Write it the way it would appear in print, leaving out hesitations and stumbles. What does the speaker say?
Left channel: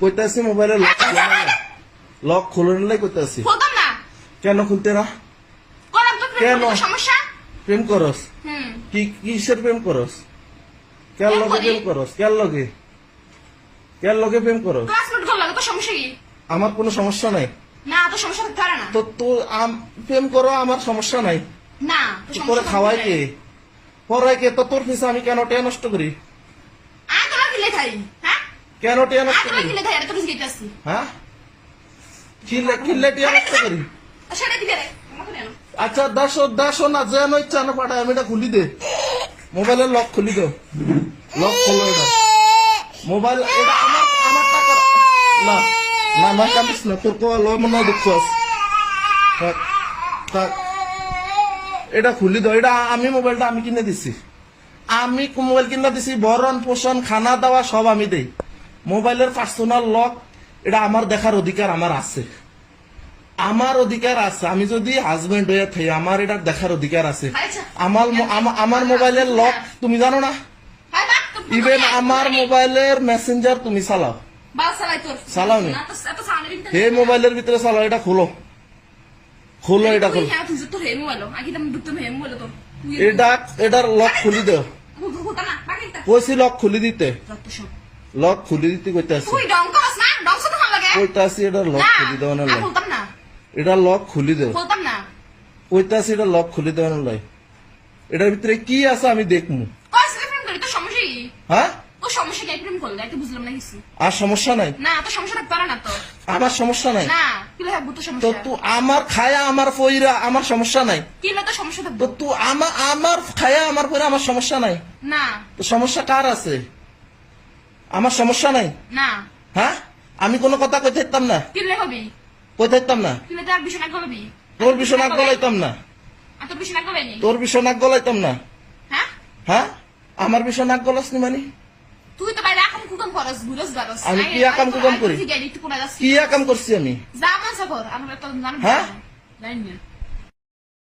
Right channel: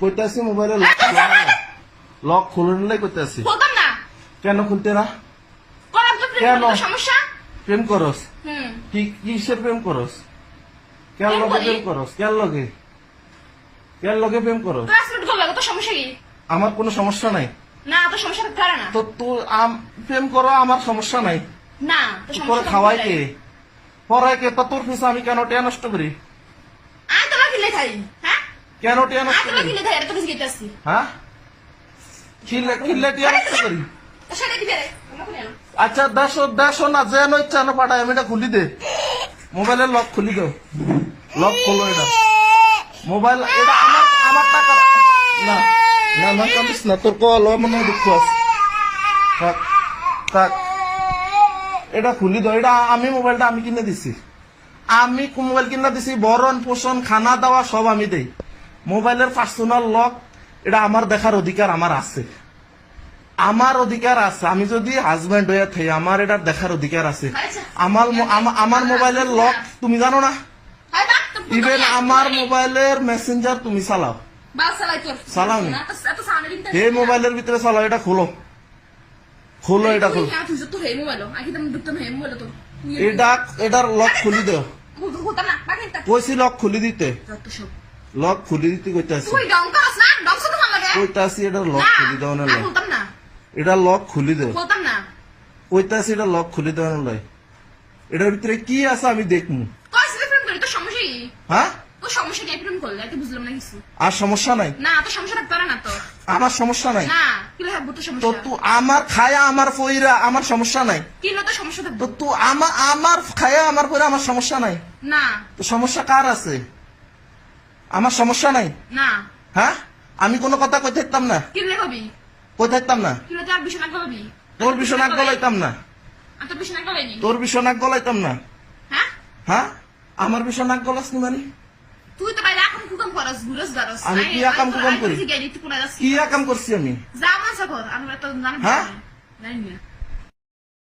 কইতাছি মোবাইলে লক খুলুন লাই কইতাছি কেন খুলতে না কেন প্রেম করস কি কিসের প্রেম করস কেন লগে প্রেম করস কেন লগে প্রেম করস আমার কোনো সমস্যা নাই তো তুই প্রেম করো আমার সমস্যা নাই করে খাওয়াই কে পড়াই কে তো তোর পিছনে আমি কেন টিয়া নষ্ট করি কেন টিয়া নষ্ট করি হ্যাঁ কিনলে টিয়া নষ্ট করি আচ্ছা দেড়শো না যেন ইচ্ছা না পাঠায় আমি এটা খুলি দে মোবাইলের লক খুলি দে লক খোলো এটা মোবাইল এটা আমার টাকা না না না কামিস না তোর কল মনে হয় দুঃখ আছে থাক এটা খুলি দাও এটা আমি মোবাইলটা আমি কিনে দিছি আমি মোবাইল কিনে দিছি ভরণ পোষণ খানা দাওয়া সব আমি দেই মোবাইলের পার্সোনাল লক এটা আমার দেখার অধিকার আমার আছে আমি যদি হাজবেন্ড হয়ে থাকি আমার এটা দেখার অধিকার আছে আমার মোবাইলের লক তুমি জানো না ইভেন আমার মোবাইলের মেসেঞ্জার তুমি চালাও না এই মোবাইলের ভিতরে চালাও এটা খোলো এটা খোলো এটার লক খুলি দাও কইছি লক খুলি দিতে কইতাছি এটা লক খুলি দাও না এটা লক খুলি দাও কইতাছি এটা লক খুলি দাও না এটার ভিতরে কি আছে আমি দেখবো হ্যাঁ আর সমস্যা নাই আমার সমস্যা নাই তো তুই আমার খায়া আমার পয়রা আমার সমস্যা নাই তো তুই আমার খায়া আমার পয়রা আমার সমস্যা নাই সমস্যা কার আছে আমার সমস্যা নাই হ্যাঁ আমি কোনো কথা কই থাকতাম না তোর বিছানাক গলাইতাম না হ্যাঁ আমার বিছানাক গলাস নি মানে তুই তো বাইরে আকাম কুকাম করস ঘুরস গারস আমি কি আকাম কুকাম করি কি আকাম করছি আমি যা বাসা কর আমরা তো জানি না